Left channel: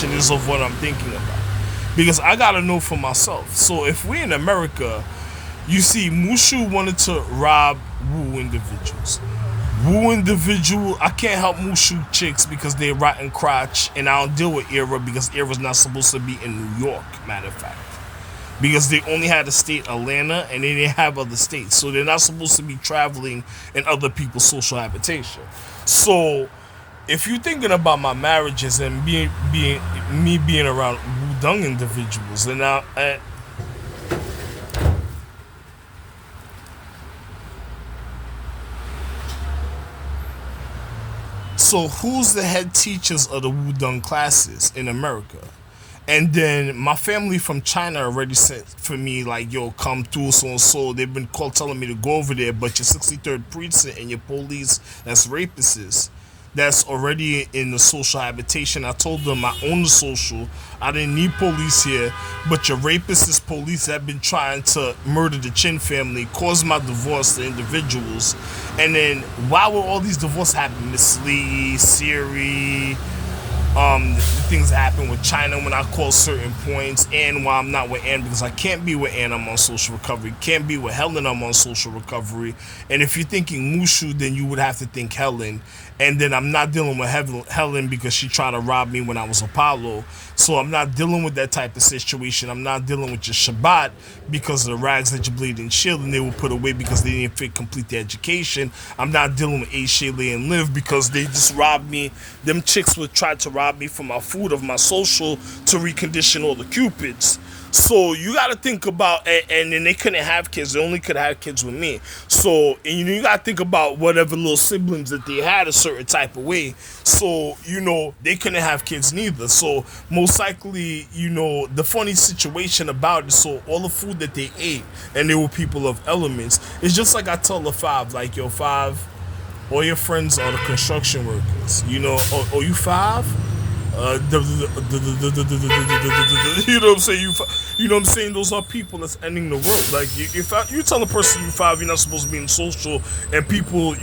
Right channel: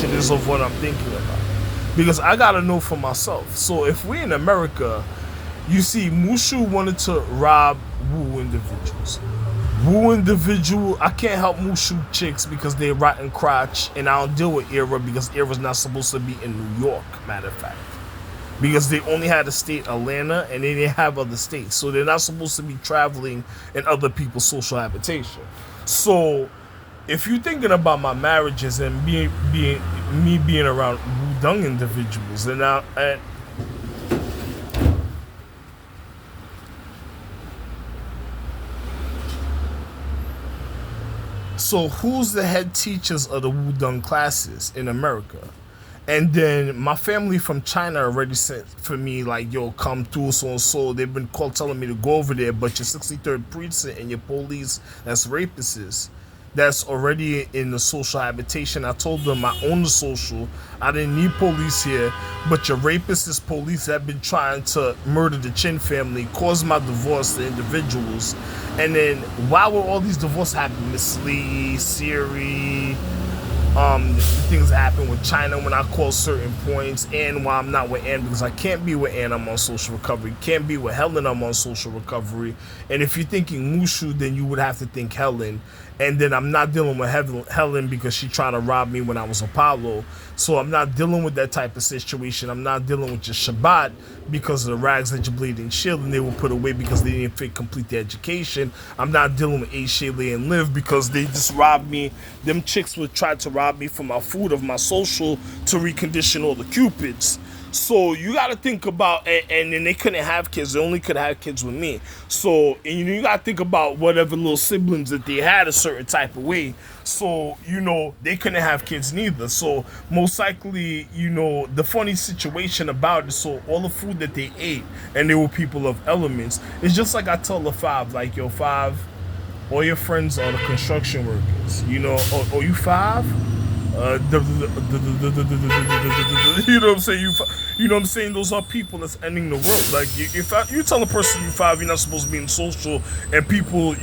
extension is of what I'm thinking about. Because I gotta know for myself. So if we're in America, you see, Mushu wanted to rob Wu individuals. Wu individual, I can't help Mushu chicks because they're rotten crotch, and I don't deal with Era because Era's not supposed to be in New York, matter of fact. Because they only had the state Atlanta and they didn't have other states. So they're not supposed to be traveling in other people's social habitation. So if you're thinking about my marriages and me being around Wudang individuals, and so who's the head teachers of the Wudang classes in America? And then my family from China already sent for me like, yo, come through so and so. They've been telling me to go over there, but your 63rd precinct and your police that's rapists that's already in the social habitation. I told them I own the social. I didn't need police here, but your rapist police have been trying to murder the Chin family, cause my divorce to individuals. And then why were all these divorces happening? Miss Lee, Siri, things happen with China when I call certain points, and why I'm not with Ann, because I can't be with Ann, I'm on social recovery. Can't be with Helen, I'm on social recovery. And if you're thinking Mushu, then you would have to think Helen. And then I'm not dealing with Helen because she tried to rob me when I was Apollo. So I'm not dealing with that type of situation. I'm not dealing with your Shabbat because of the rags that you bleed and shield and they were put away because they didn't fit complete their education. I'm not dealing with A. Shaylee and Liv because they just robbed me. Them chicks would try to rob me from my food, of my social, to recondition all the cupids. So you got to think about, and then they couldn't have kids. They only could have kids with me. So, and you got to think about whatever little siblings that they had a certain type of way. So, they couldn't have kids neither. So most likely, the funny situation about it, so all the food that they ate, and they were people of elements, it's just like I tell the Five, like, yo, Five, all your friends are the construction workers. Oh, you Five? You know what I'm saying? You know what I'm saying? Those are people that's ending the world. Like, if you tell a person you Five, you're not supposed to be in social, and people,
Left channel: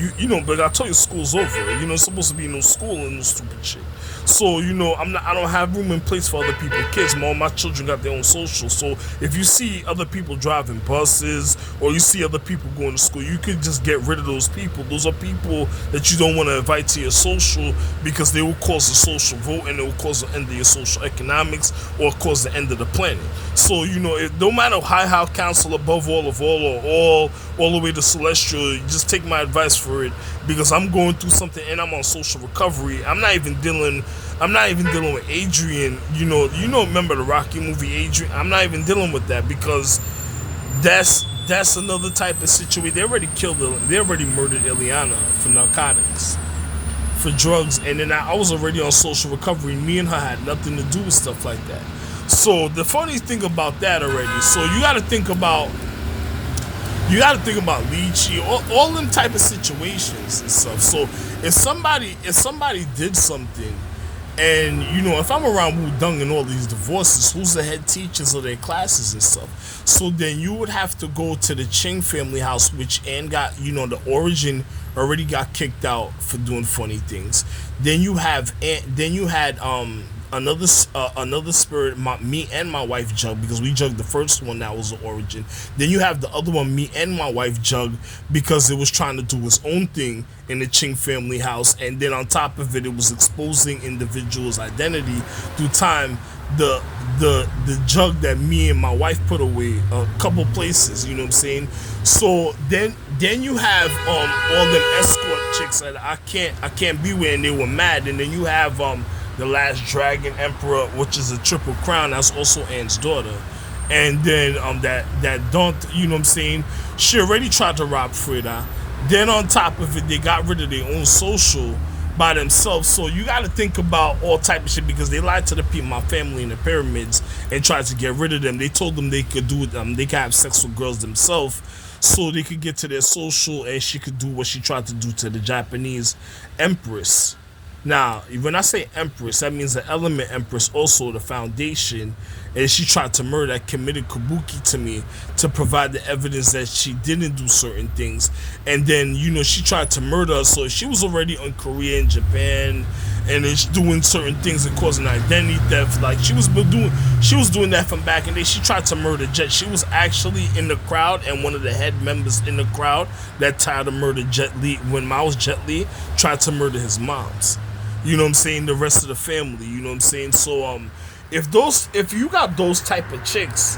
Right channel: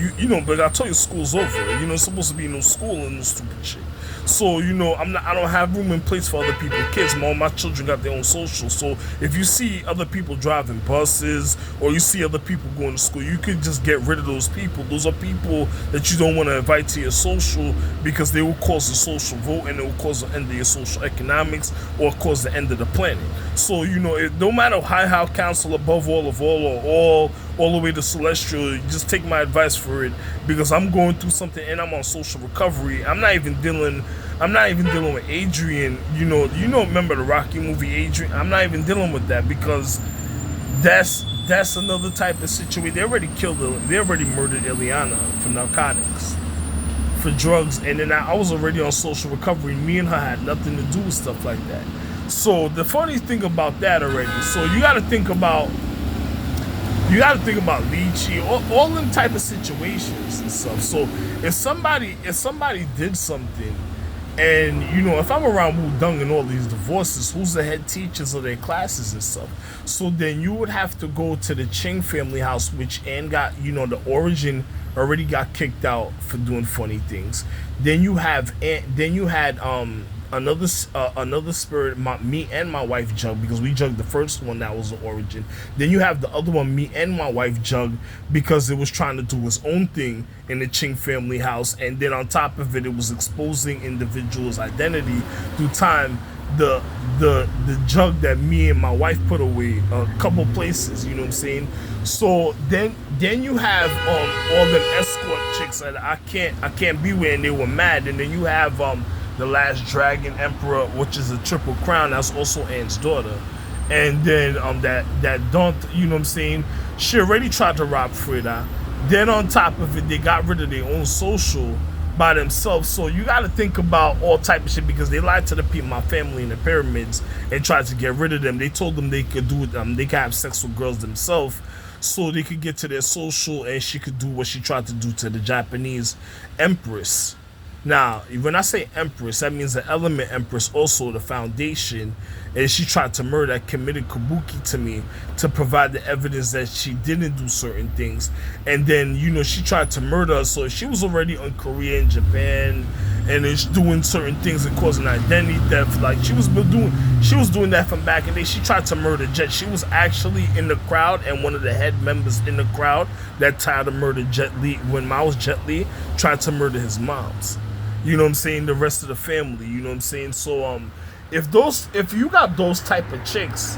but I tell you, school's over. You're not supposed to be in no school and no stupid shit. So, I don't have room and place for other people's kids. All my children got their own social. So if you see other people driving buses or you see other people going to school, you could just get rid of those people. Those are people that you don't want to invite to your social because they will cause a social vote and it will cause the end of your social economics or cause the end of the planet. So, no matter how council above all of all or all the way to celestial, you just take my advice for it because I'm going through something and I'm on social recovery. I'm not even dealing with Adrian. Remember the Rocky movie Adrian? I'm not even dealing with that because that's another type of situation. They already murdered Ileana for narcotics, for drugs, and then I was already on social recovery. Me and her had nothing to do with stuff like that. So the funny thing about that already, so you got to think about lychee, all them type of situations and stuff. So if somebody did something, and if I'm around Wudang and all these divorces, who's the head teachers of their classes and stuff? So then you would have to go to the Ching family house, which Ann got, the origin already got kicked out for doing funny things. Then you had another spirit, me and my wife Jug, because we jugged the first one that was the origin. Then you have the other one, me and my wife Jug, because it was trying to do its own thing in the Ching family house, and then on top of it, it was exposing individuals' identity through time. The Jug that me and my wife put away a couple places, you know what I'm saying? So then you have all them escort chicks that I can't be with, and they were mad. And then you have the last Dragon Emperor, which is a triple crown, that's also Ann's daughter. And then that don't, you know what I'm saying, she already tried to rob Frida. Then on top of it, they got rid of their own social by themselves. So you got to think about all type of shit because they lied to the people, my family in the pyramids, and tried to get rid of them. They told them they could they could have sex with girls themselves so they could get to their social, and she could do what she tried to do to the Japanese empress. Now, when I say empress, that means the element empress, also the foundation, and she tried to murder, committed kabuki to me to provide the evidence that she didn't do certain things. And then, she tried to murder us. So she was already in Korea and Japan and it's doing certain things and causing identity theft. Like she was doing that from back in the day. She tried to murder Jet. She was actually in the crowd and one of the head members in the crowd that tried to murder Jet Li when Miles Jet Li tried to murder his moms. You know what I'm saying? The rest of the family. You know what I'm saying? So if you got those type of chicks,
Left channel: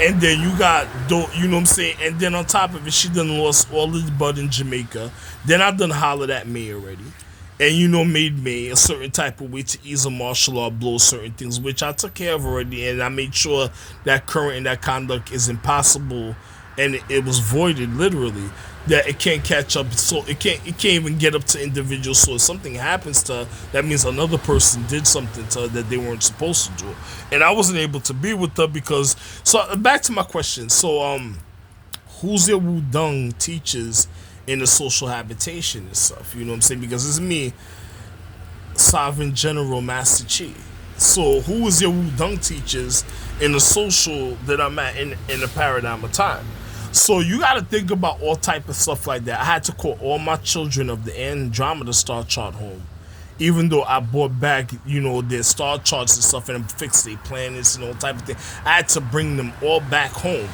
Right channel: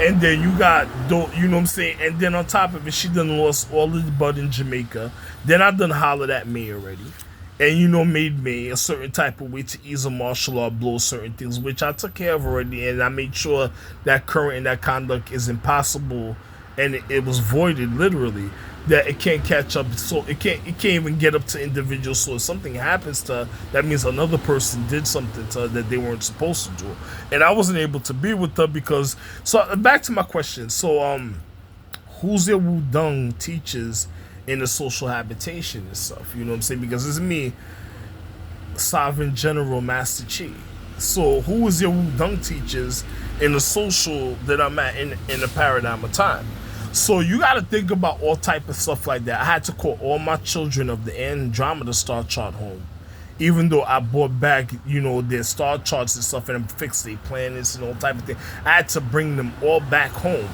and then you got, you know what I'm saying, and then on top of it, she done lost all of the bud in Jamaica. Then I done hollered at May already, and made May a certain type of way to ease a martial law blow certain things, which I took care of already, and I made sure that current and that conduct is impossible, and it was voided literally. That it can't catch up, so it can't even get up to individuals. So if something happens to her, that means another person did something to her that they weren't supposed to do, and I wasn't able to be with her because. So back to my question. So who's your Wudang teachers in the social habitation and stuff? You know what I'm saying? Because it's me, Sovereign General Master Chi. So who is your Wudang teachers in the social that I'm at in the paradigm of time? So you got to think about all type of stuff like that. I had to call all my children of the Andromeda star chart home, even though I brought back, their star charts and stuff and fixed their planets and all type of thing. I had to bring them all back home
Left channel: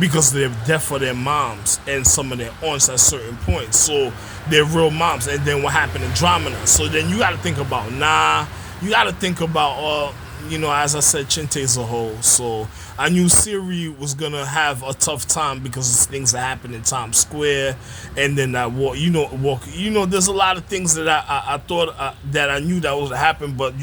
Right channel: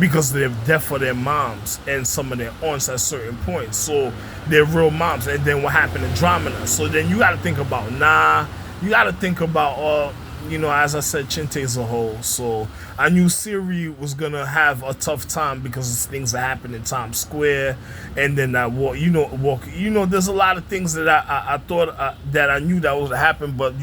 because they're death for their moms and some of their aunts at certain points. So they're real moms. And then what happened in Andromeda? So then you got to think about you got to think about as I said, Chinte's a whole. So I knew Siri was gonna have a tough time because of things that happened in Times Square, and then that walk. There's a lot of things that I thought that I knew that was to happen, but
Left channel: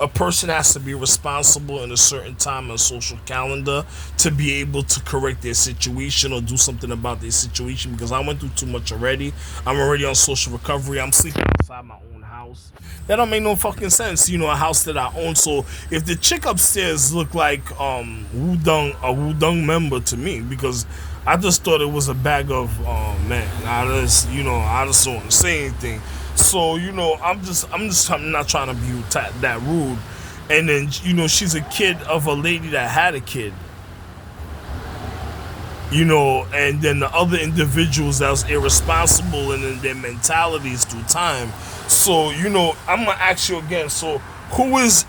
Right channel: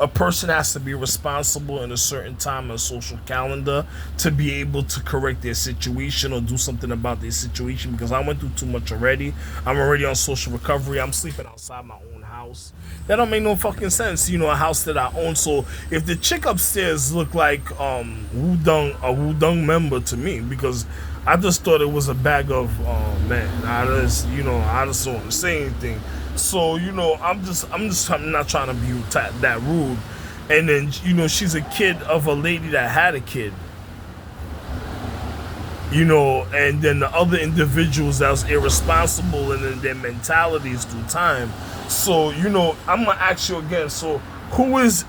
a person has to be responsible in a certain time on a social calendar to be able to correct their situation or do something about their situation. Because I went through too much already. I'm already on social recovery. I'm sleeping outside my own house. That don't make no fucking sense. A house that I own. So if the chick upstairs looked like a Wudang member to me, because I just thought it was a bag of man. I just don't want to say anything. So I'm not trying to be that rude. And then she's a kid of a lady that had a kid. And then the other individuals that was irresponsible and then their mentalities through time. So, I'm gonna ask you again. So, who is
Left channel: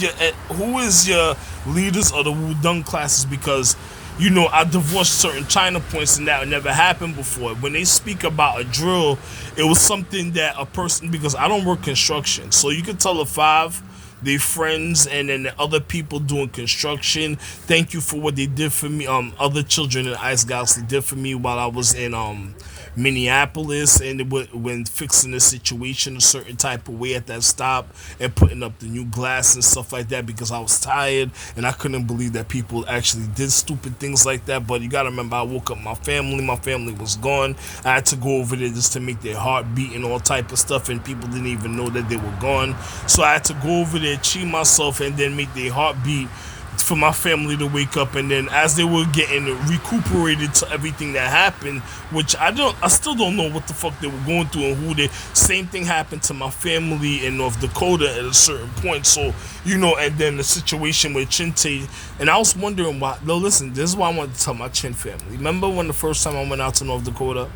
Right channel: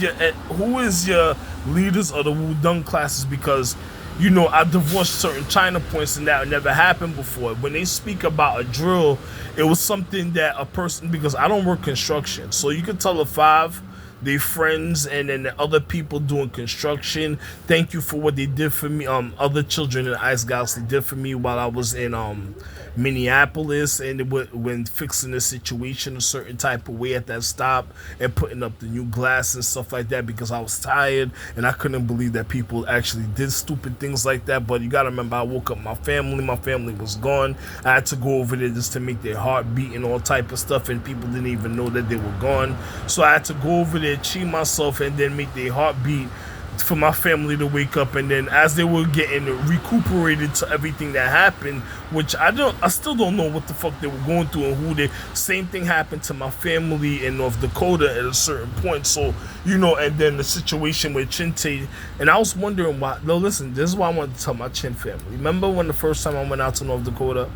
your leaders of the Wudang classes? Because, I divorced certain China points and that never happened before. When they speak about a drill, it was something that a person, because I don't work construction, so you could tell a five, they friends, and then the other people doing construction. Thank you for what they did for me. Other children in the Ice Galaxy did for me while I was in Minneapolis, and when fixing the situation a certain type of way at that stop and putting up the new glass and stuff like that, because I was tired and I couldn't believe that people actually did stupid things like that. But you gotta remember, I woke up my family was gone. I had to go over there just to make their heart beat and all type of stuff, and people didn't even know that they were gone. So I had to go over there, cheat myself, and then make their heart beat for my family to wake up. And then as they were getting recuperated to everything that happened, which I still don't know what the fuck they were going through and same thing happened to my family in North Dakota at a certain point. So and then the situation with Chinte, and I was wondering why. No, listen, this is why I wanted to tell my Chin family. Remember when the first time I went out to North Dakota,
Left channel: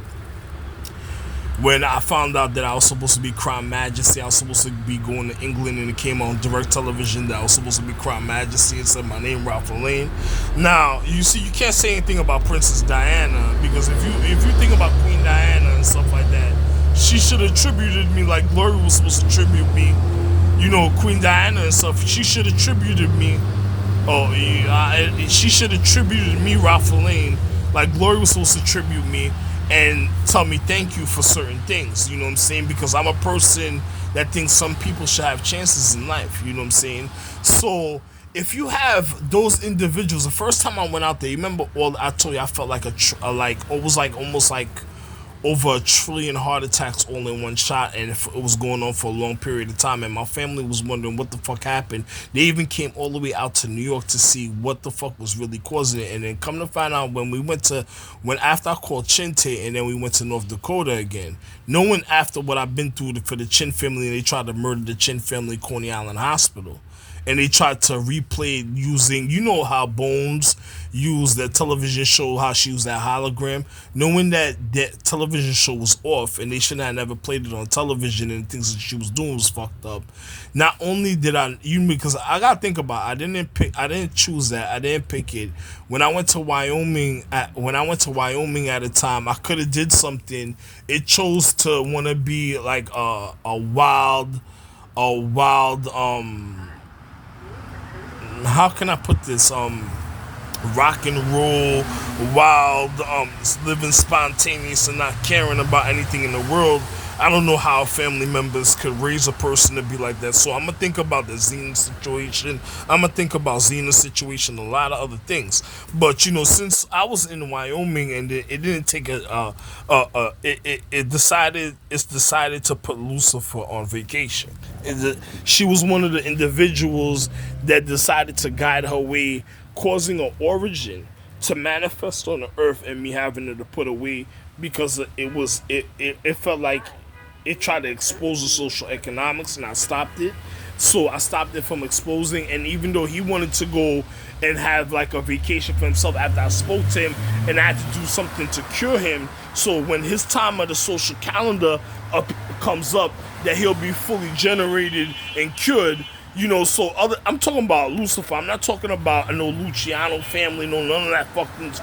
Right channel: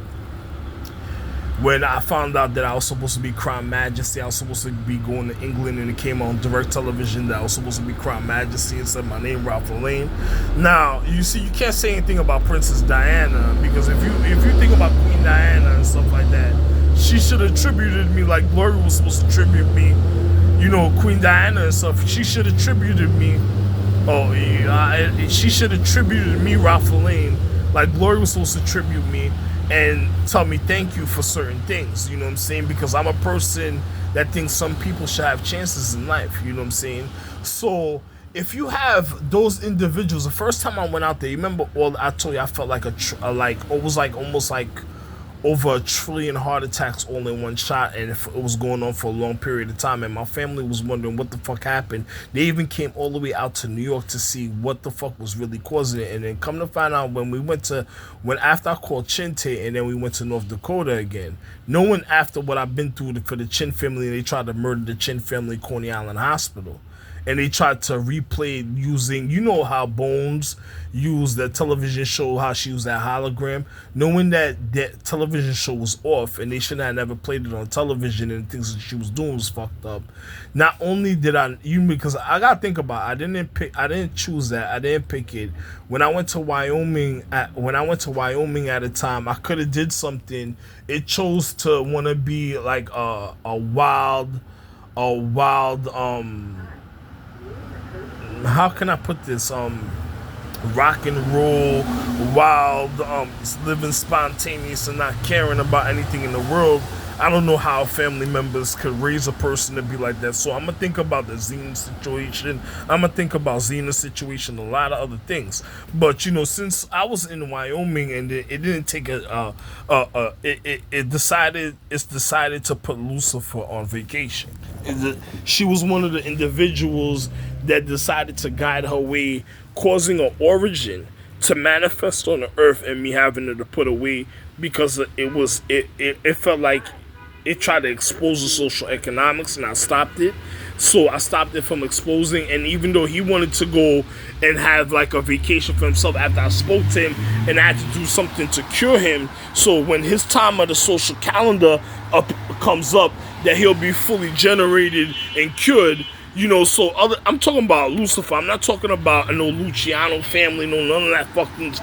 when I found out that I was supposed to be Crown Majesty, I was supposed to be going to England, and it came on direct television that I was supposed to be Crown Majesty and said my name, Ralph Lane. Now, you see, you can't say anything about Princess Diana, because if you think about Queen Diana and stuff like that, she should have tributed me like Glory was supposed to tribute me. Queen Diana and stuff, she should have tributed me. She should have tributed me, Ralph Lane, like Glory was supposed to tribute me and tell me thank you for certain things, you know what I'm saying? Because I'm a person that thinks some people should have chances in life, you know what I'm saying? So if you have those individuals, the first time I went out there, you remember I told you I felt like almost like over 1 trillion heart attacks all in one shot, and it was going on for a long period of time, and my family was wondering what the fuck happened. They even came all the way out to New York to see what the fuck was really causing it. And then come to find out, after I called Chinte and then we went to North Dakota again, knowing after what I've been through for the Chin family, they tried to murder the Chin family, Coney Island Hospital. and they tried to replay it using, you know how Bones used the television show, how she used that hologram, knowing that that television show was off and they should have never played it on television, and the things that she was doing was fucked up. Not only did I, you because I gotta think about it, I didn't choose that, I didn't pick it. When I went to Wyoming at a time, I could have did something. It chose to want to be like a wild how can I put this, rock and roll, wild, living spontaneous and not caring about anything in the world. I don't know how family members could raise a person to be like that. So I'm gonna think about the Xena situation. I'm gonna think about Xena's situation, a lot of other things. But since I was in Wyoming and it didn't take it's decided to put Lucifer on vacation. She was one of the individuals that decided to guide her way, causing an origin to manifest on the earth, and me having to put away because it felt like it tried to expose the social economics, and I stopped it. So I stopped it from exposing, and even though he wanted to go and have like a vacation for himself after I spoke to him, and I had to do something to cure him, so when his time of the social calendar comes up, that he'll be fully generated and cured. I'm talking about Lucifer. I'm not talking about no Luciano family, no none of that fucking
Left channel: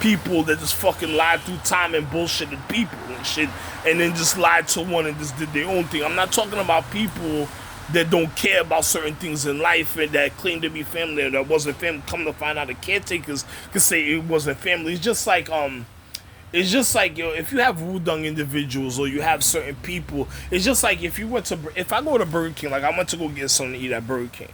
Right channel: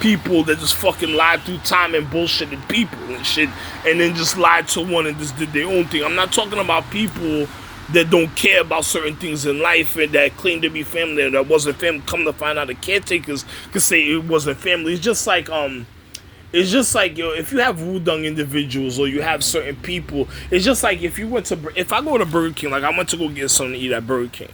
people that just fucking lied through time and bullshitted people and shit, and then just lied to one and just did their own thing. I'm not talking about people that don't care about certain things in life and that claim to be family or that wasn't family. Come to find out, the caretakers could say it wasn't family. It's just like, if you have Wudang individuals or you have certain people, it's just like if I go to Burger King, like I went to go get something to eat at Burger King,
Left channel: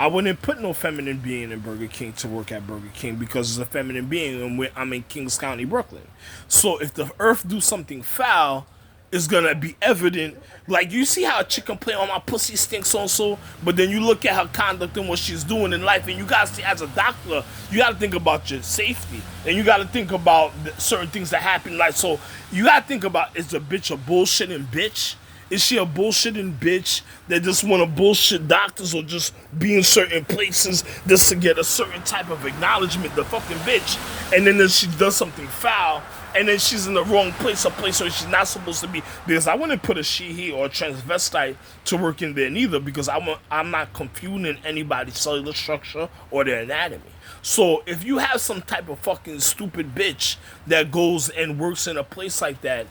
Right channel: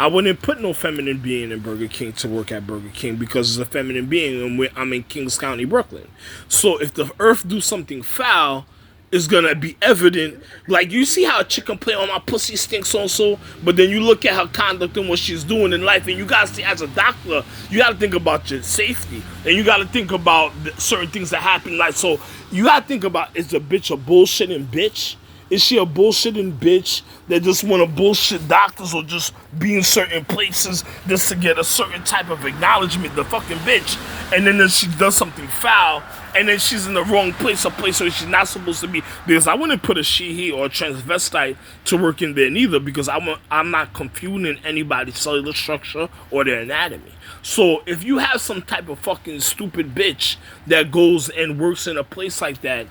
I wouldn't put no feminine being in Burger King to work at Burger King because it's a feminine being and I'm in Kings County, Brooklyn. So if the earth do something foul, it's gonna be evident. Like, you see how a chick can play on my pussy stinks so, but then you look at her conduct and what she's doing in life, and you gotta see, as a doctor, you gotta think about your safety, and you gotta think about certain things that happen. Like, so you gotta think about, is the bitch a bullshitting bitch? Is she a bullshitting bitch that just want to bullshit doctors or just be in certain places just to get a certain type of acknowledgement, the fucking bitch, and then she does something foul, and then she's in the wrong place, a place where she's not supposed to be? Because I wouldn't put a she, he, or a transvestite to work in there neither, because I'm not confusing anybody's cellular structure or their anatomy. So if you have some type of fucking stupid bitch that goes and works in a place like that,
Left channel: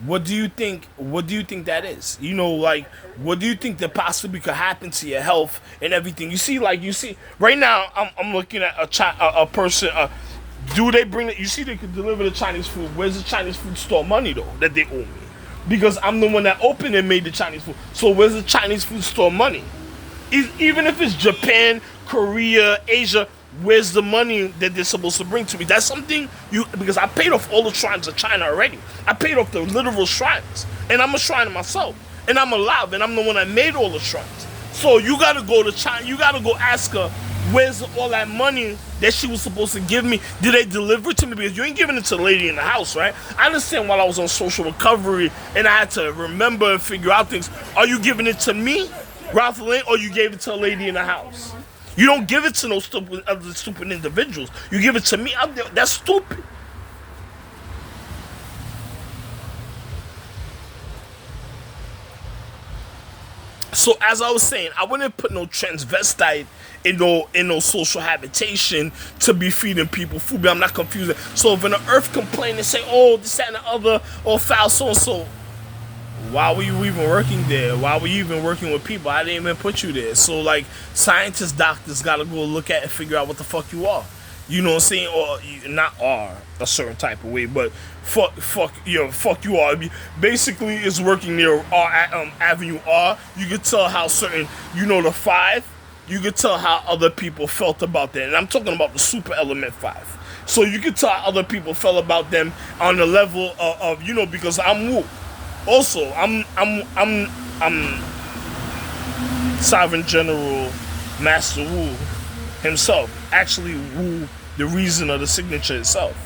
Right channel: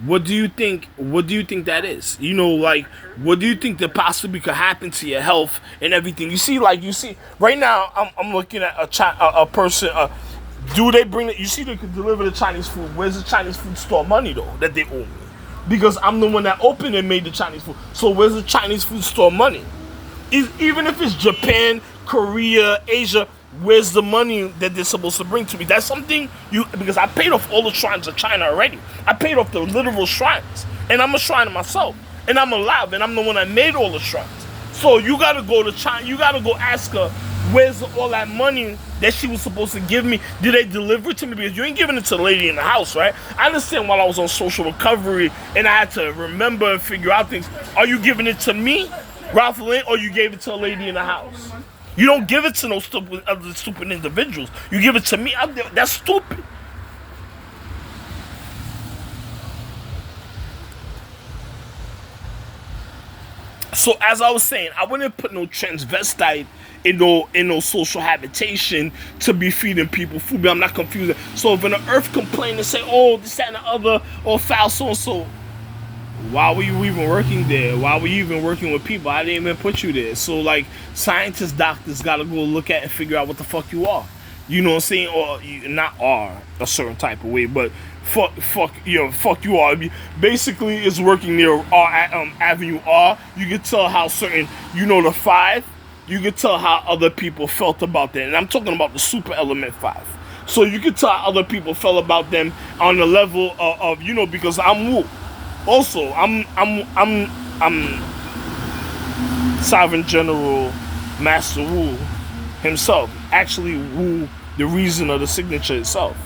what do you think that is? Like, what do you think that possibly could happen to your health and everything? You see, right now, I'm looking at a person. Do they bring it? You see, they could deliver the Chinese food. Where's the Chinese food store money though that they owe me? Because I'm the one that opened and made the Chinese food. So where's the Chinese food store money? Even if it's Japan, Korea, Asia, where's the money that they're supposed to bring to me? That's something because I paid off all the shrines of China already. I paid off the literal shrines, and I'm a shrine myself, and I'm alive, and I'm the one that made all the shrines. So you gotta go to China. You gotta go ask her, where's all that money that she was supposed to give me? Did they deliver it to me? Because you ain't giving it to the lady in the house, right? I understand while I was on social recovery and I had to remember and figure out things. Are you giving it to me, Ralph Lynn, or you gave it to a lady in the house? You don't give it to no stupid individuals. You give it to me. That's stupid. So as I was saying, I wouldn't put no transvestite in no social habitation to be feeding people food. But I'm not confused. So if an earth complain and say, oh, this, that, and the other, or foul so and so, why were you even working there? Why were you even working with people? I didn't even put you there. So, like, scientists, doctors gotta go look at and figure out what the fuck you are. You know what I'm saying? Or not are a certain type of way, but fuck you are. Basically, it's working near Avenue R. You can tell how certain, the 5. You can tell how other people felt about that, and I'm talking about the super element 5. So you can tell how other people felt about them on the level of because I'm Wu. Also, I'm Sovereign General Master Wu himself. Actually, Wu, the reason of the signature itself.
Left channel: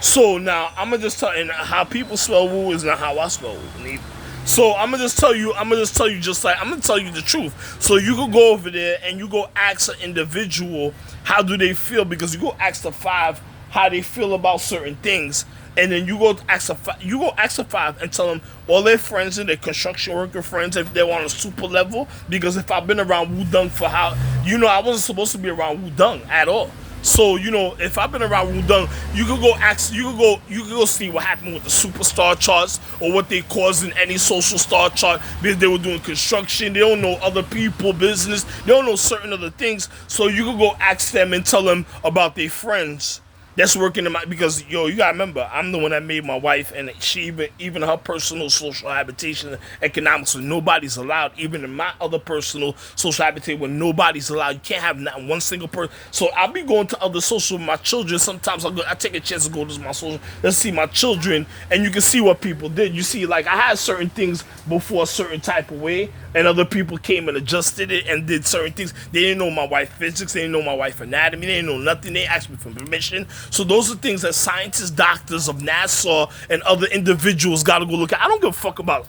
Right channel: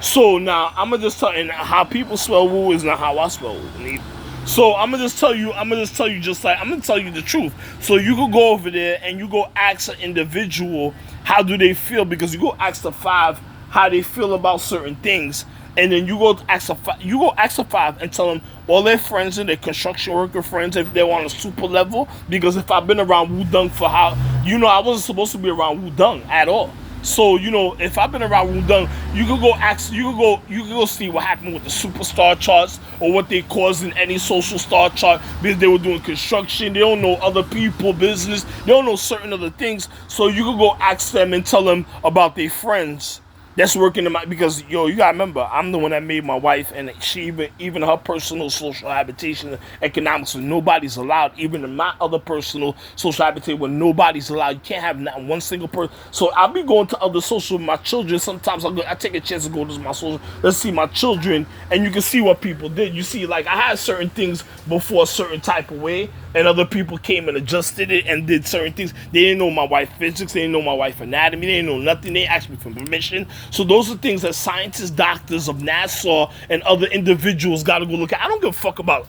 So now I'm gonna just tell you how people spell Wu is not how I spell Wu. So I'm gonna tell you the truth. So you could go over there and you go ask an individual how do they feel, because you go ask the five how they feel about certain things, and then you go ask the five and tell them all their friends and their construction worker friends if they're on a super level. Because if I've been around Wudang for how, I wasn't supposed to be around Wudang at all. So, if I've been around Wudang, you could go see what happened with the superstar charts or what they caused in any social star chart, because they were doing construction. They don't know other people business. They don't know certain other things. So you could go ask them and tell them about their friends that's working in my, because you gotta remember, I'm the one that made my wife, and she even her personal social habitation economics, so nobody's allowed, even in my other personal social habitation where nobody's allowed. You can't have not one single person. So I'll be going to other social with my children. Sometimes I take a chance to go to my social, let's see my children, and you can see what people did. You see, like, I had certain things before a certain type of way, and other people came and adjusted it and did certain things. They didn't know my wife physics, they didn't know my wife anatomy, they didn't know nothing. They asked me for permission. So those are things that scientists, doctors of NASA, and other individuals got to go look at. I don't give a fuck about.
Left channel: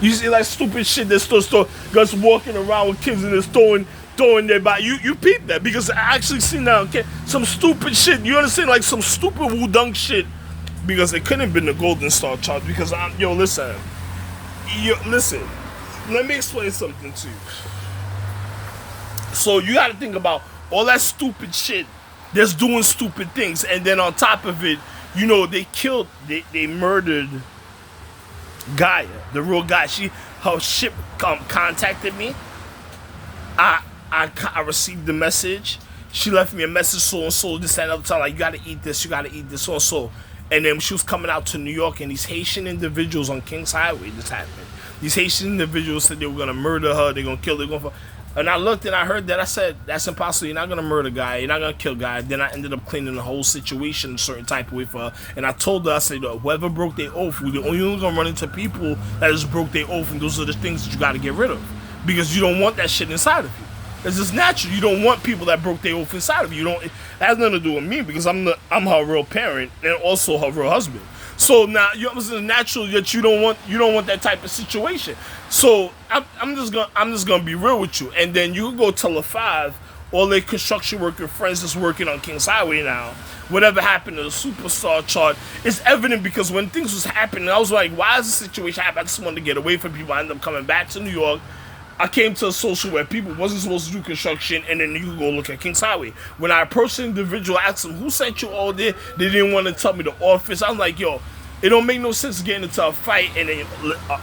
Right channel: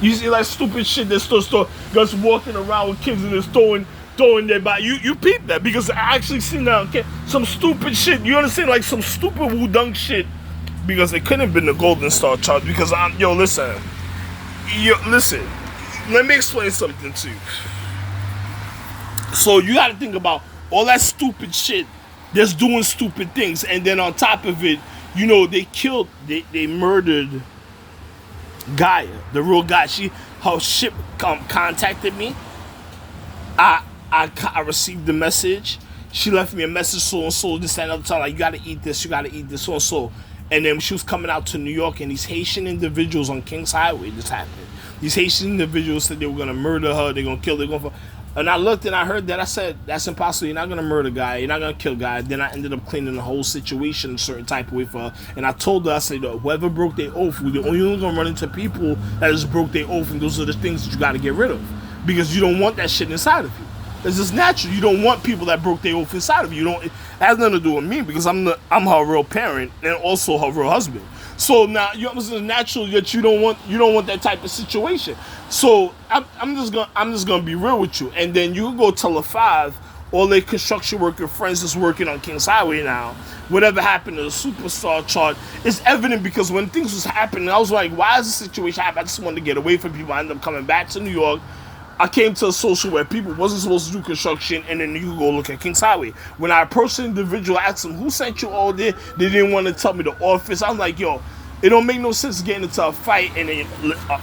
You see, like, stupid shit that's still just walking around with kids and just throwing their body. You peep that, because I actually seen that, okay, some stupid shit. You understand, like some stupid Wudang shit, because it couldn't have been the Golden Star chart. Because listen, let me explain something to you. So you got to think about all that stupid shit that's doing stupid things, and then on top of it, they murdered Gaia, the real guy. Her ship contacted me. I received the message. She left me a message, so and so, this and other time, like, you gotta eat this, so and so. And then she was coming out to New York, and these Haitian individuals on Kings Highway, this happened. These Haitian individuals said they were gonna murder her, they're gonna kill her, and I looked and I heard that. I said, that's impossible. You're not gonna murder Guy, you're not gonna kill Guy. Then I ended up cleaning the whole situation a certain type of way for her. And I told her, I said, whoever broke their oath, we're only gonna run into people that just broke their oath, and those are the things that you gotta get rid of. Because you don't want that shit inside of you. It's just natural. You don't want people that broke their oath inside of you. It has nothing to do with me, because I'm her real parent and also her real husband. So now it's natural that you don't want that type of situation. So I'm just gonna be real with you. And then you go tell a five, all their construction worker friends that's working on Kings Highway now, whatever happened to the superstar chart is evident, because when things was happening, I was like, why is this situation happening? I just wanted to get away from people. I ended up coming back to New York. I came to a social where people wasn't supposed to do construction, and then you could go look at Kings Highway. When I approached the individual, I asked them, who sent you all there? They didn't want to tell me the office. I'm like, yo, it don't make no sense getting into a fight. And then,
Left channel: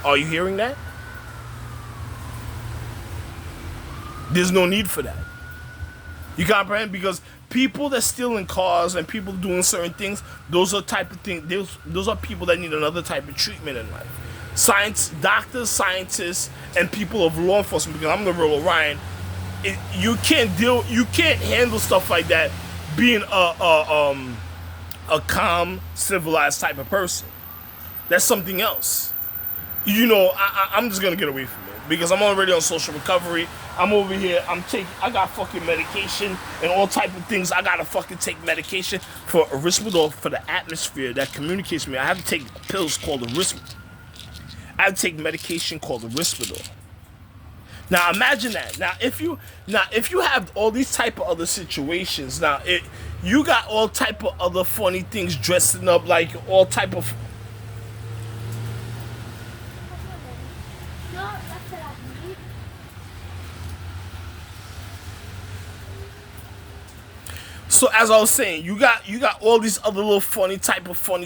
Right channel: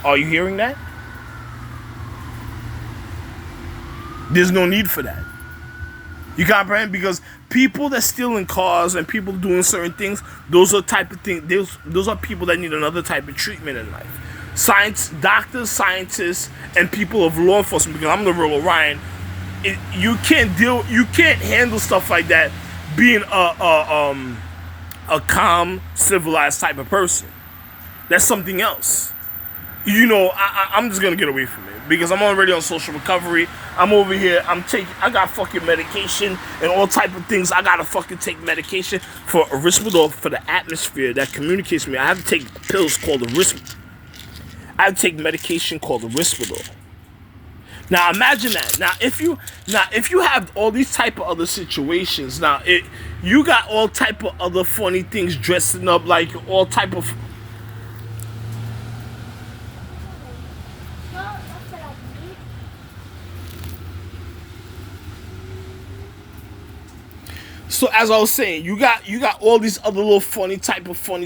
are you hearing that? There's no need for that. You comprehend? Because people that stealing cars and people doing certain things, those are type of things. Those are people that need another type of treatment in life. Doctors, scientists, and people of law enforcement. Because I'm the real Orion. You can't handle stuff like that being a calm, civilized type of person. That's something else. I'm just gonna get away from it, because I'm already on social recovery. I'm over here. I got fucking medication and all type of things. I gotta fucking take medication for Risperdal for the atmosphere that communicates with me. I have to take pills called I have to take medication called the Risperdal. Now imagine that. Now if you have all these type of other situations, you got all type of other funny things dressing up, like all type of. So as I was saying, you got all these other little funny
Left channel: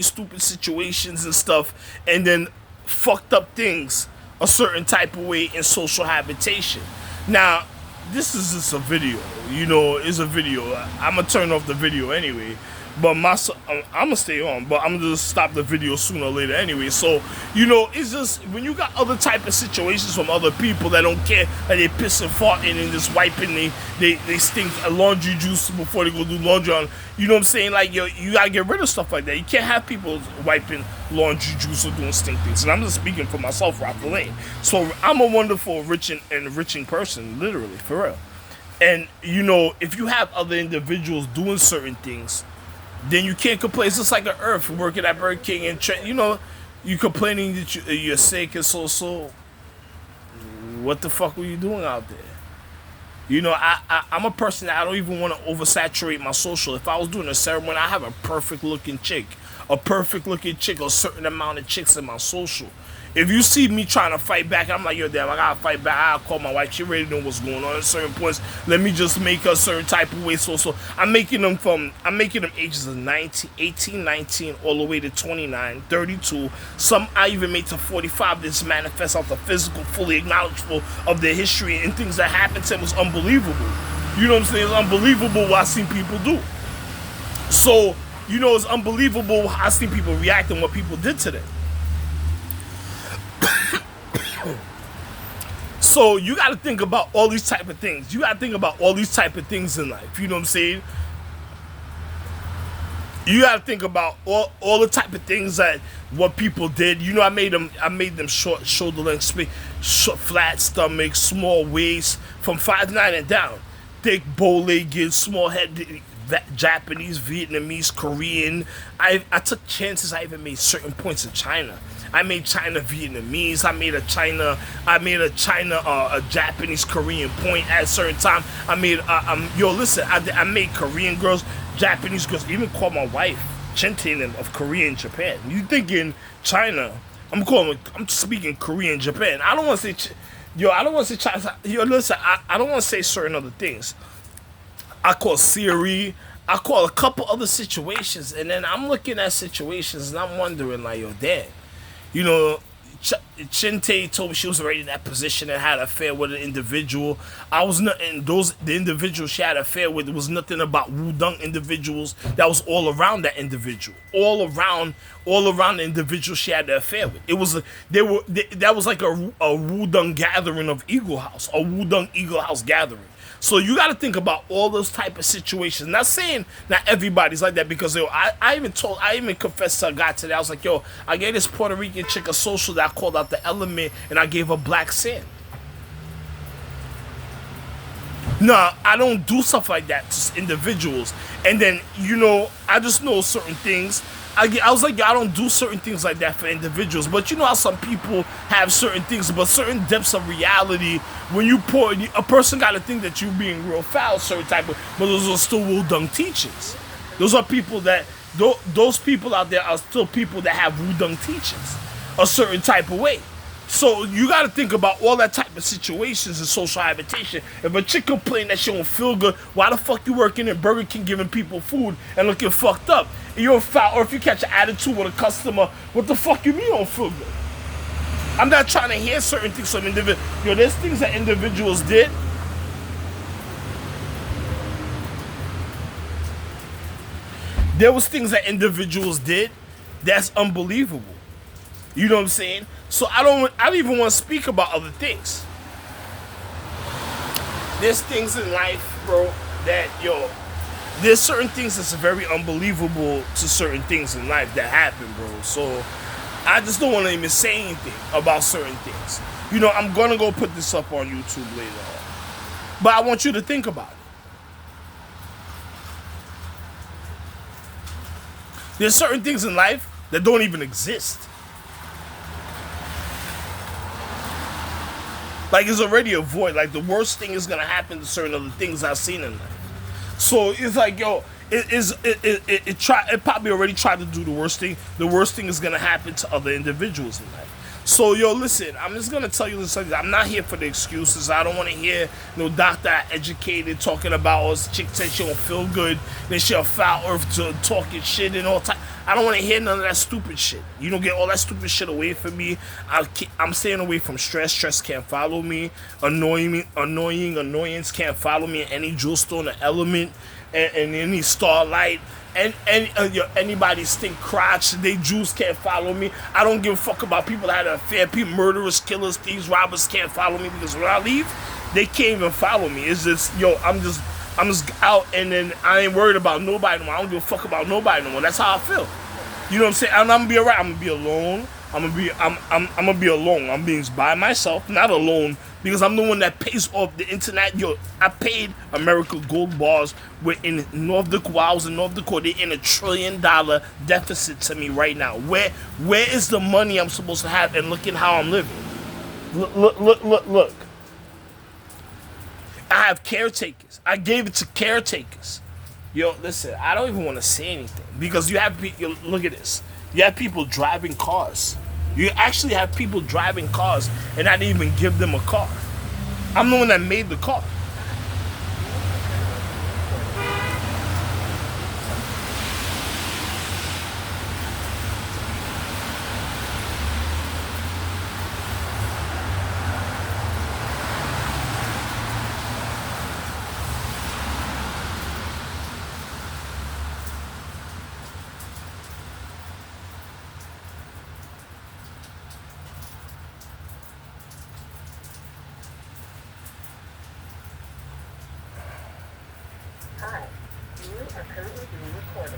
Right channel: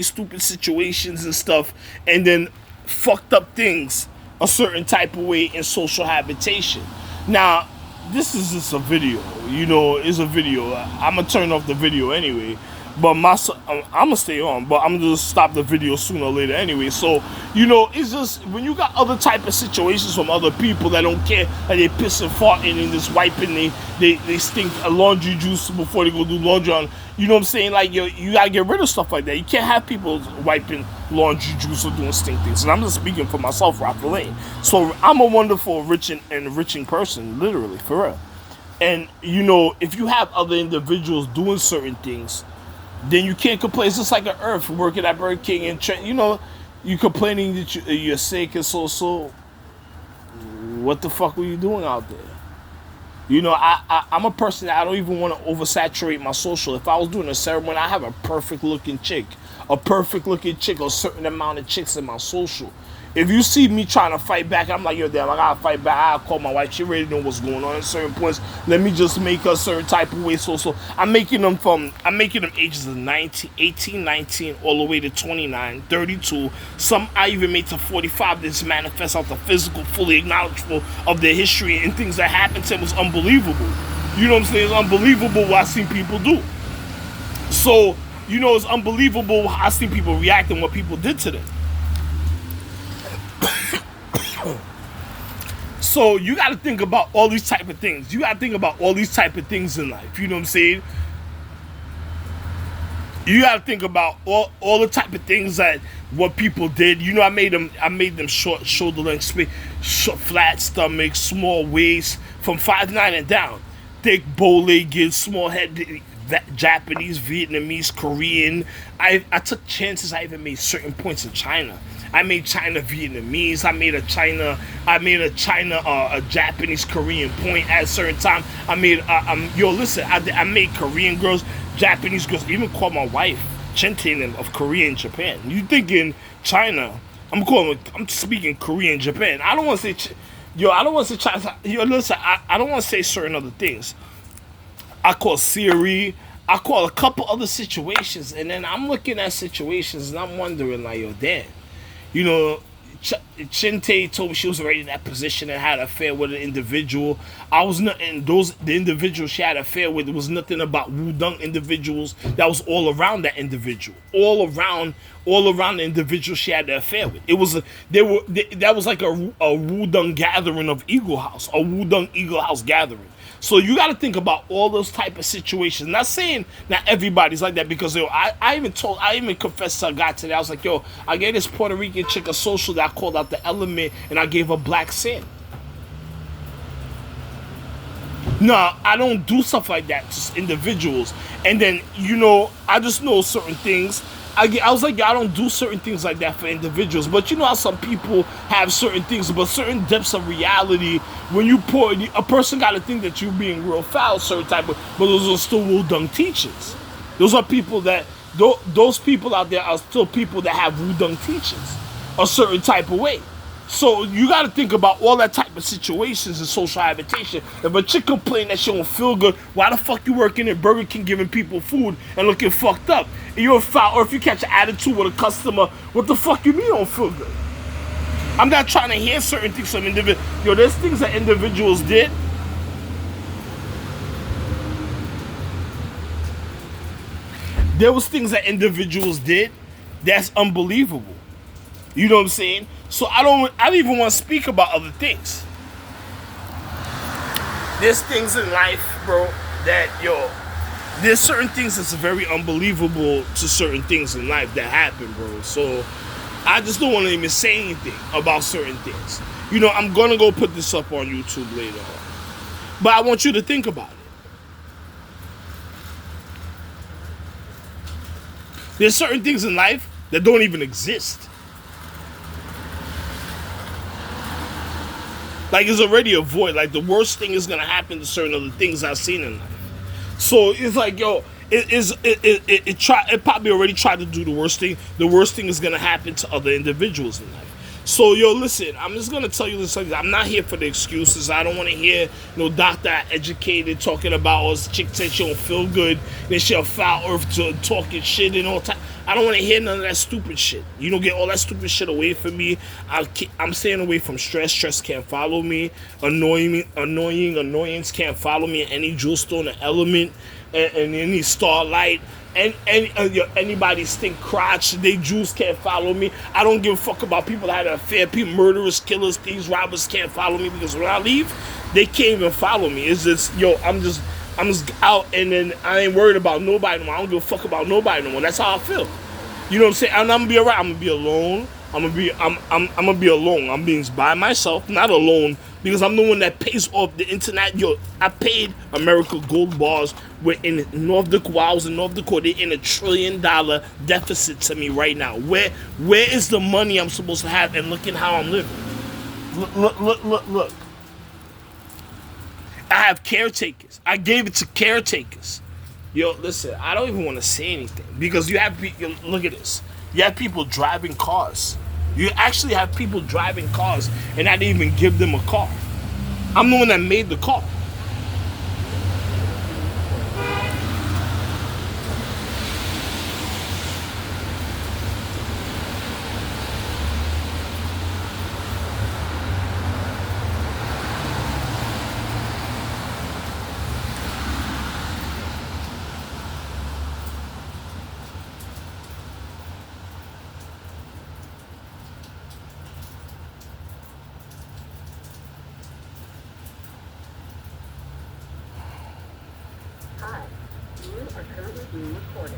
stupid situations and stuff, and then fucked up things a certain type of way in social habitation. Now, this is just a video, it's a video. I'm gonna turn off the video anyway, but I'm gonna stay on, but I'm gonna just stop the video sooner or later anyway. So, it's just when you got other type of situations from other people that don't care, like they piss and farting and just wiping, they stink laundry juice before they go do laundry on. You know what I'm saying? Like, you gotta get rid of stuff like that. You can't have people wiping laundry juice or doing stink things. And I'm just speaking for myself, Ralph Lane. So I'm a wonderful, enriching person, literally, for real. And if you have other individuals doing certain things, then you can't complain. It's just like an Earth working at Burger King and you complaining that you're sick and so. What the fuck were you doing out there? I'm a person that I don't even want to oversaturate my social. If I was doing a ceremony, I have a perfect looking chick, a certain amount of chicks in my social. If you see me trying to fight back, I'm like, yo, damn, I gotta fight back. I call my wife. She already know what's going on at certain points. Let me just make her a certain type of way. So I'm making them ages of 19, 18, 19, all the way to 29, 32. Some I even made to 45. This manifests out the physical, fully acknowledgeable of their history and things that happened to them was unbelievable. You know what I'm saying? It's unbelievable what I've seen people do. So, it's unbelievable how I've seen people react and what people did to them. So you got to think about all these type of things. You got to think about all these type of things in life. You know what I'm saying? You got to think about all the type of things that what people did. I made them short shoulder length, flat stomach, small waist, from 5'9" and down, thick bow-legged, small head. Japanese, Vietnamese, Korean. I took chances. I even made certain points in China. I made China Vietnamese. I made a Japanese Korean point at a certain time. I made I made Korean girls, Japanese girls. Even called my wife Chintin of Korea and Japan. You thinking China? I'm speaking Korean, Japan. I don't want to say I don't want to say China. Listen. I don't want to say certain other things. I call Siri. I call a couple other situations, and then I'm looking at situations, and I'm wondering, like, yo, damn. Chinte told me she was already in that position and had an affair with an individual. I was not, and the individuals she had an affair with, was nothing about Wudang individuals. That was all around that individual, all around the individual she had the affair with. That was like a Wudang gathering of Eagle House, a Wudang Eagle House gathering. So you got to think about all those type of situations. Not saying not everybody's like that, because I even confessed to a guy today. I was like, yo, I gave this Puerto Rican chick a social that I called out the element, and I gave her black sand. No, I don't do stuff like that to individuals. And then, I just know certain things. I was like, I don't do certain things like that for individuals. But you know how some people have certain things, but certain depths of reality, when you pour, a person got to think that you're being real foul, certain type of, but those are still Wudang teachings. Those are people that, those people out there are still people that have Wudang teachings a certain type of way. So you got to think about all that type of situations in social habitation. If a chick complain that she don't feel good, why the fuck you working in Burger King giving people food and looking fucked up? And you're a foul, or if you catch an attitude with a customer, what the fuck you mean you don't feel good? I'm not trying to hear certain things from individuals. There's things that individuals did. There was things that individuals did that's unbelievable. You know what I'm saying? So I don't even want to speak about other things. There's things in life, bro, that, there's certain things that's very unbelievable to certain things in life that happen, bro. So I just don't want to even say anything about certain things. I'm going to go put this up on YouTube later on. But I want you to think about it. There's certain things in life that don't even exist. Like, it's already a void. Like, the worst thing is going to happen to certain other things I've seen in life. So it's like, it probably already tried to do the worst thing. The worst thing is going to happen to other individuals in life. So, listen, I'm just going to tell you this. I'm not here for the excuses. I don't want to hear no doctor educated talking about, this chick said she don't feel good, then she'll foul earth to talking shit and all time. I don't want to hear none of that stupid shit. You don't get all that stupid shit away from me. I'm staying away from stress. Stress can't follow me. Annoyance can't follow me. Any jewel stone or element and any starlight. And anybody stink crotch, they Jews can't follow me. I don't give a fuck about people that had an affair. People, murderers, killers, thieves, robbers can't follow me, because when I leave, they can't even follow me. It's just, I'm just out, and then I ain't worried about nobody no more. I don't give a fuck about nobody no more. That's how I feel. You know what I'm saying? And I'm gonna be alright. I'm gonna be alone. I'm gonna be alone. I'm being by myself, not alone, because I'm the one that pays off the internet. Yo, I paid America Gold Bars. We're in North Dakota. While I was in North Dakota, they're in $1 trillion deficit to me right now. Where is the money I'm supposed to have? And look at how I'm living. Look. I have caretakers. I gave it to caretakers. Yo, listen, I don't even want to say anything because you have look at this. You have people driving cars. You actually have people driving cars, and I didn't even give them a car. I'm the one that made the car. Hi, you are currently being recorded.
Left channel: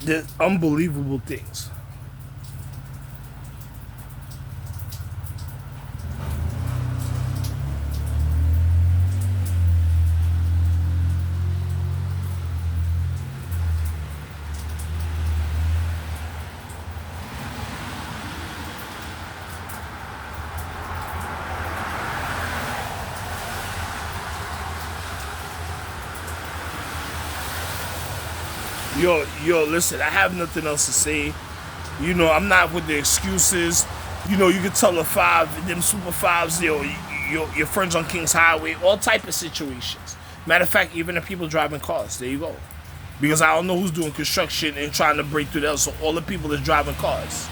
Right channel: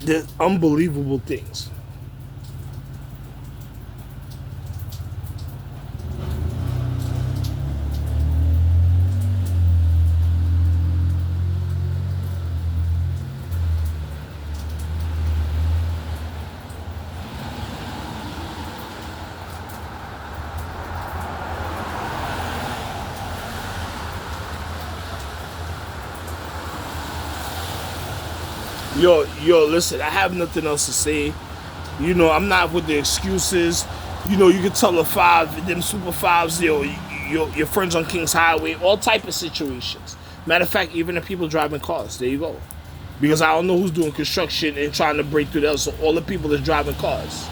There's unbelievable things. Listen, I have nothing else to say. I'm not with the excuses. You can tell the five, them super fives, your friends on King's Highway, all type of situations. Matter of fact, even the people driving cars, there you go. Because I don't know who's doing construction and trying to break through that, so all the people that's driving cars.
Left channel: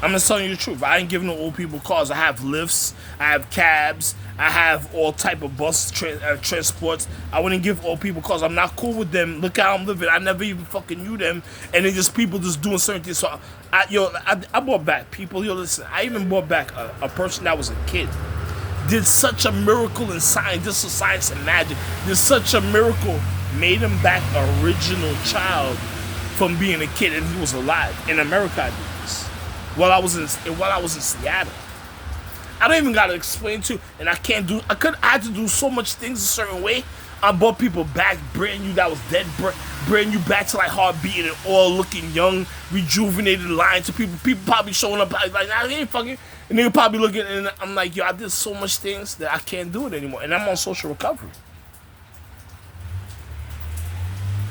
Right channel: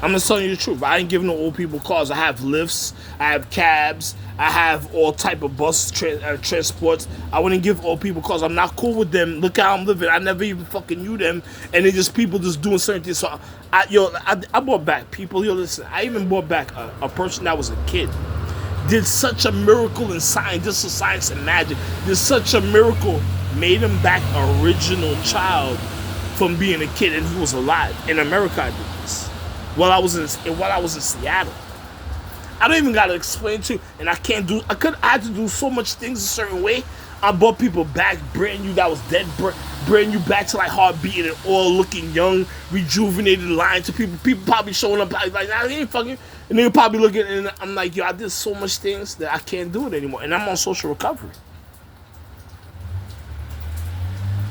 I'm just telling you the truth. I ain't giving no old people cars. I have lifts, I have cabs, I have all type of transports. I wouldn't give old people cars. I'm not cool with them. Look how I'm living. I never even fucking knew them, and they just people just doing certain things. So I brought back people. Yo, listen, I even brought back a person that was a kid. Did such a miracle in science, just so science and magic. Did such a miracle, made him back original child from being a kid, and he was alive. In America, I did this. While I was in Seattle. I don't even gotta explain to you, and I had to do so much things a certain way. I brought people back, brand new that was dead, brand new back to like heart beating and all looking young, rejuvenated, lying to people. People probably showing up like, nah, he ain't fucking, and they probably looking, and I'm like, yo, I did so much things that I can't do it anymore, and I'm on social recovery.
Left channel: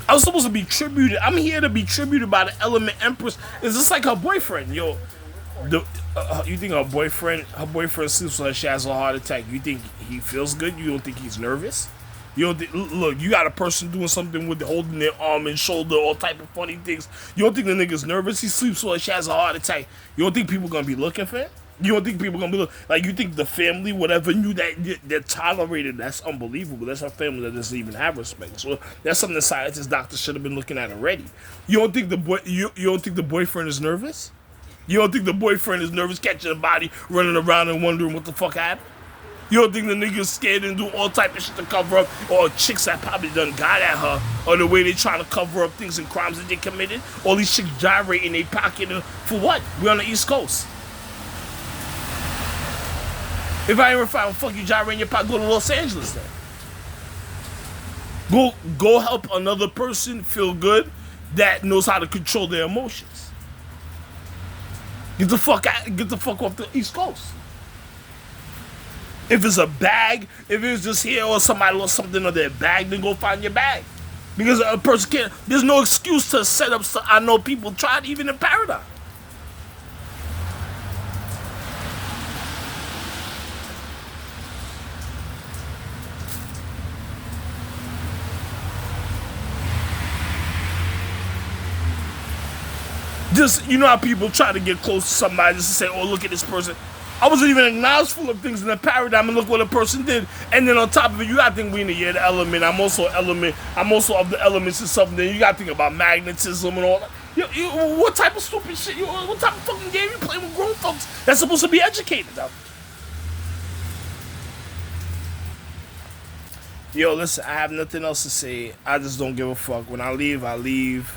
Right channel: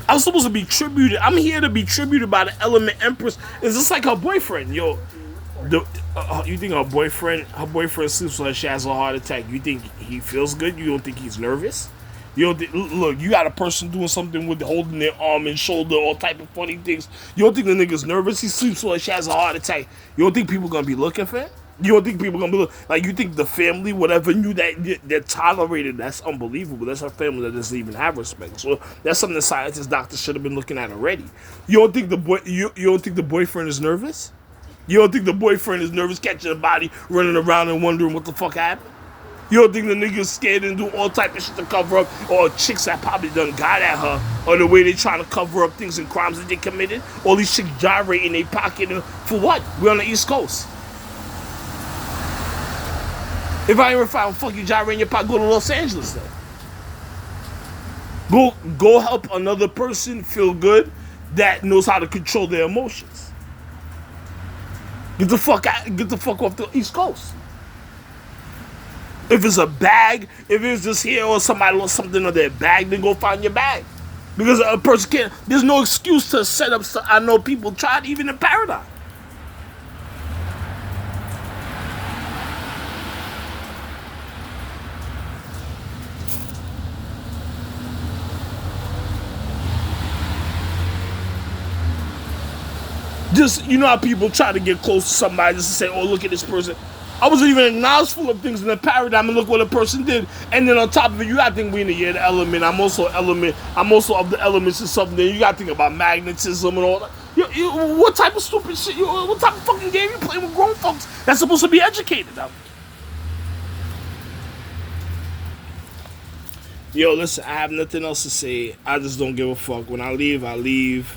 I was supposed to be tributed. I'm here to be tributed by the Element Empress. It's just like her boyfriend, yo. You think her boyfriend sleeps like she has a heart attack? You think he feels good? You don't think he's nervous? Look, you got a person doing something with holding their arm and shoulder, all type of funny things. You don't think the nigga's nervous? He sleeps like she has a heart attack. You don't think people gonna be looking for him? You don't think people gonna be like? You think the family, whatever, knew that they're tolerated? That's unbelievable. That's a family that doesn't even have respect. So that's something the scientists, doctors should have been looking at already. You don't think you don't think the boyfriend is nervous? You don't think the boyfriend is nervous, catching a body, running around and wondering what the fuck happened? You don't think the nigga's scared and do all type of shit to cover up, or chicks that probably done got at her, or the way they trying to cover up things and crimes that they committed? All these chicks gyrate in their pocket, and for what? We're on the East Coast. If I ever found fucking gyrate in your pocket, go to Los Angeles then. Go help another person feel good that knows how to control their emotions. Get the fuck off the East Coast. If it's a bag, if it's just here or somebody lost something on their bag, then go find your bag. Because a person can't, there's no excuse to set up stuff. I know people tried even in Paradise. Just, you know how people try to get close to somebody just to say, oh, look at this person. I wasn't even acknowledgeful of things in the paradigm and look what a person did. And then on top of it, you gotta think we in the year of the element. I'm also of the elements or something. Then you gotta think about magnetism and all that. What type of stupid shit, what type of fucking game you playing with grown folks that's supposed to be educated of? Yo, listen, I have nothing else to say. I just don't give a fuck. When I leave, I leave.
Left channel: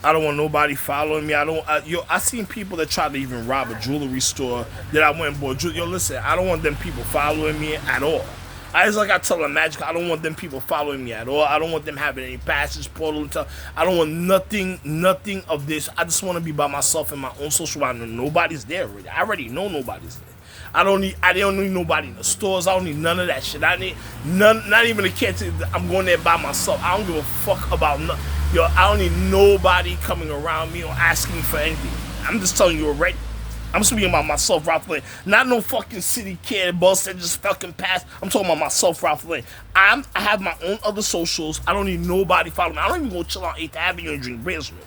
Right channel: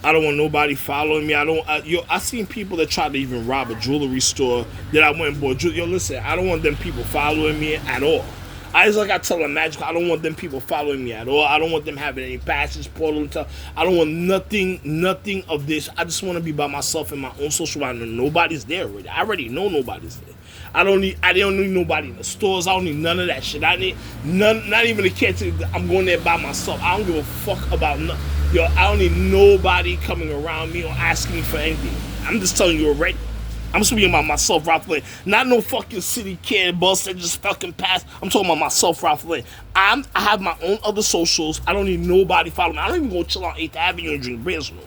I don't want nobody following me. I seen people that tried to even rob a jewelry store that I went and bought. Yo, listen, I don't want them people following me at all. I tell them, Magic, I don't want them people following me at all. I don't want them having any passes, portal, and stuff. I don't want nothing of this. I just want to be by myself in my own social life. Nobody's there already. I already know nobody's there. I don't need nobody in the stores. I don't need none of that shit. I need none, not even a kid. I'm going there by myself. I don't give a fuck about nothing. Yo, I don't need nobody coming around me or asking me for anything. I'm just telling you already. I'm speaking about myself, Ralph Lane. Not no fucking city kid bus that just fucking passed. I'm talking about myself, Ralph Lane. I have my own other socials. I don't need nobody following me. I don't even go chill on 8th Avenue and drink beers no more.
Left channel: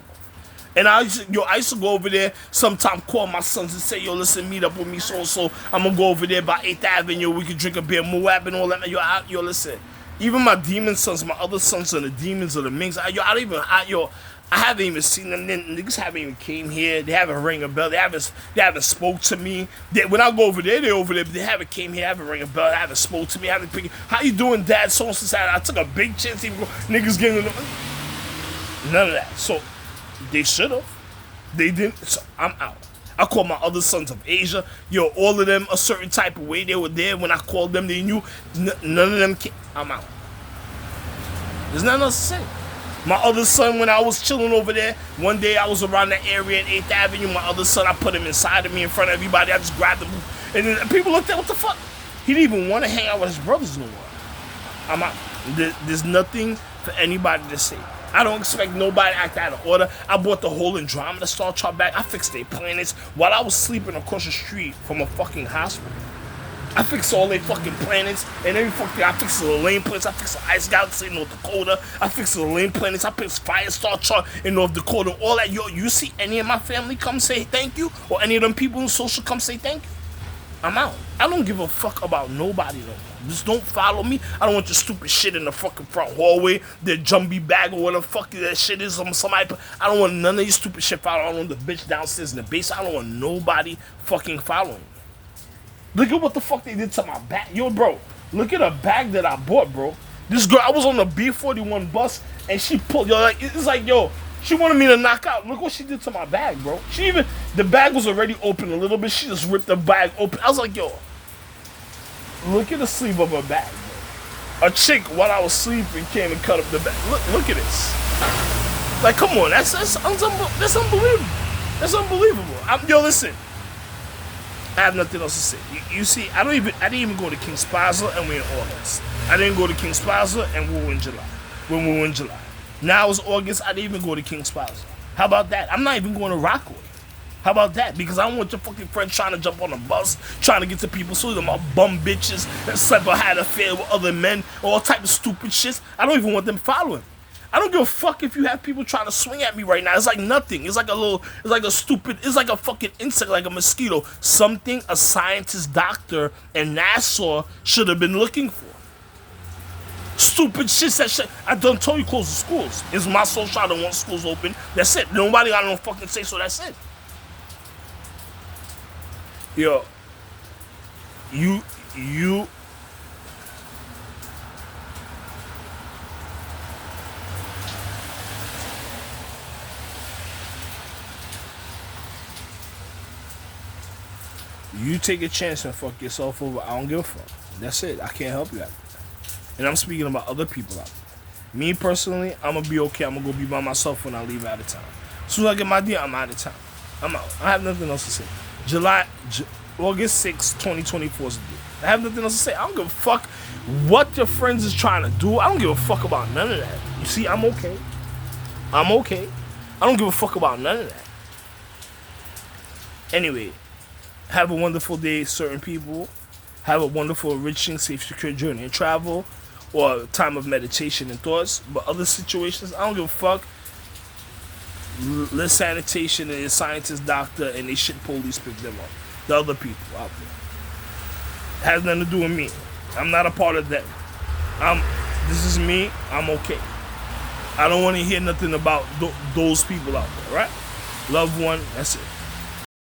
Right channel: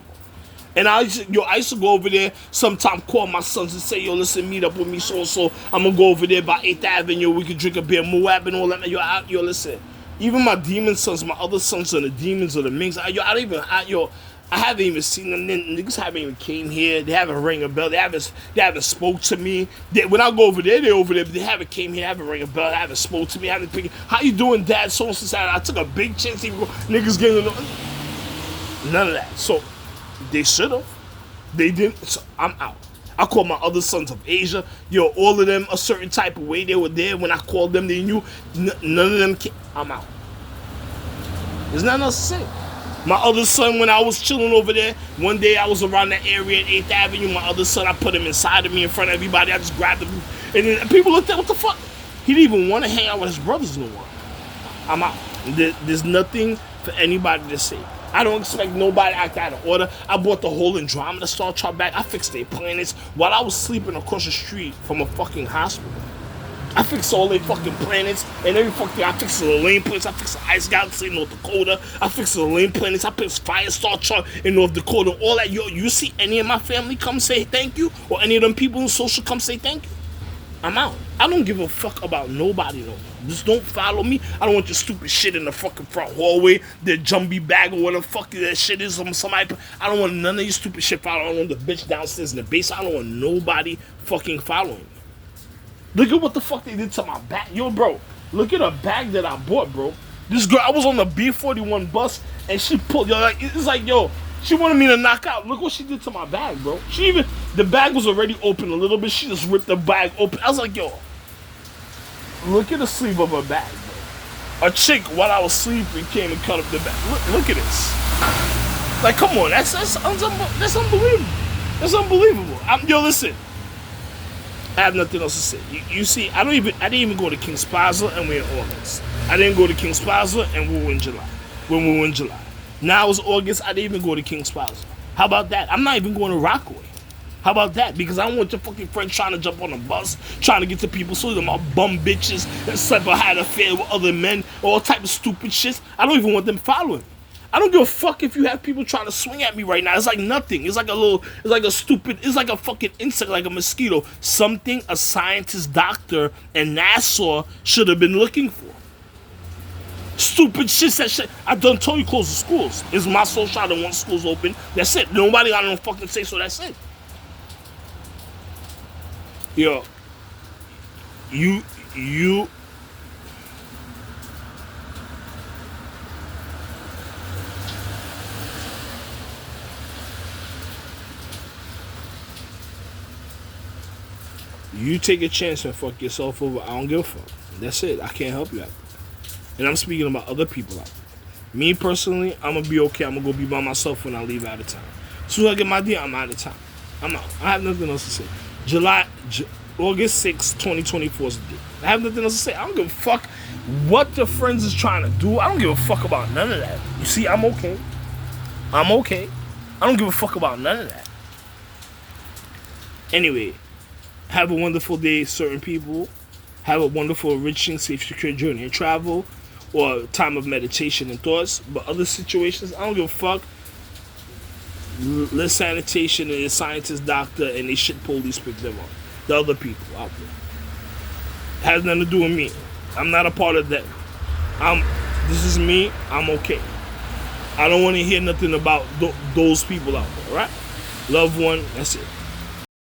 And I used to go over there, sometime call my sons and say, yo, listen, meet up with me so. I'm going to go over there by 8th Avenue. We can drink a beer, Moab and all that. Yo, listen. Even my demon sons, my other sons are the demons or the minks. I haven't even seen them. Niggas haven't even came here. They haven't rang a bell. They haven't spoke to me. When I go over there, they're over there. But they haven't came here. Haven't rang a bell. They haven't spoke to me. Haven't picked. How you doing, Dad? So I took a big chance. Even niggas getting none of that. So they should have. They didn't. So I'm out. I called my other sons of Asia. Yo, all of them a certain type of way. They were there when I called them. They knew. None of them came. I'm out. There's nothing else to say. My other son, when I was chilling over there, one day I was around that area at 8th Avenue. My other son, I put him inside of me in front of everybody. I just grabbed him. And then people looked at, what the fuck? He didn't even want to hang out with his brothers no more. I'm out. There's nothing for anybody to say. I don't expect nobody to act out of order. I bought the whole Andromeda Star Chart back. I fixed their planets while I was sleeping across the street from a fucking hospital. I fixed all their fucking planets and every fucking. I fixed the Lane planets. I fixed the Ice Galaxy in North Dakota. I fixed the Lane planets. I fixed Firestar Chart in North Dakota. All that. Yo, you see any of my family come say thank you, or any of them people in social come say thank you? I'm out. I don't give a fuck about nobody though. Just don't follow me. I don't want your stupid shit in the fucking front hallway. The jumbie bag or whatever the fuck that shit is. Somebody. I don't want none of your stupid shit following. I don't want the bitch downstairs in the basement. I don't want nobody fucking following me. Look at what the fuck they did to my bag. Yo, bro, look at a bag that I bought, bro. This girl, I was on the B41 bus, and she pulled, yo, like, it's like, yo, she wanted me to knock out. Look what she did to my bag, bro. The bag was already open a little bit. She just ripped the bag open. I was like, yo, look at the sleeve of her bag, bro. A chick, while I was sleeping, came and cut up the bag. Look at this. Like, come on, that's unbelievable. That's unbelievable. Yo, listen. I have nothing else to say. You see, I didn't even go to King's Plaza and we're in August. I didn't go to King's Plaza and we were in July. When we were in July. Now it's August, I didn't even go to King's Plaza. How about that? I'm not even going to Rockaway. How about that? Because I don't want your fucking friend trying to jump on a bus, trying to get to people, so them all bum bitches that slept or had an affair with other men, all type of stupid shit. I don't even want them following. I don't give a fuck if you have people trying to swing at me right now. It's like nothing. It's like a fucking insect, like a mosquito. Something a scientist, doctor, and NASA should have been looking for. Stupid shit, that shit. I done told you close the schools. It's my social, I don't want schools open. That's it. Nobody got no fucking say, so that's it. Yo, you take a chance and fuck yourself over. I don't give a fuck. That's it. I can't help you out there. And I'm speaking about other people out there. Me personally, I'm going to be okay. I'm going to go be by myself when I leave out of town. As soon as I get my deal, I'm out of town. I'm out. I have nothing else to say. August 6, 2024 is the date. I have nothing else to say. I don't give a fuck what your friends is trying to do. I don't give a fuck about none of that. You see, I'm okay. I'm okay. I don't give a fuck about none of that. Anyway, have a wonderful day, certain people. Have a wonderful, enriching, safe, secure journey and travel, or time of meditation and thoughts. But other situations, I don't give a fuck. Let sanitation and a scientist, doctor, and they shit police pick them up. The other people out there. Has nothing to do with me. I'm not a part of them. This is me. I'm okay. I don't want to hear nothing about those people out there, right? Loved one, that's it.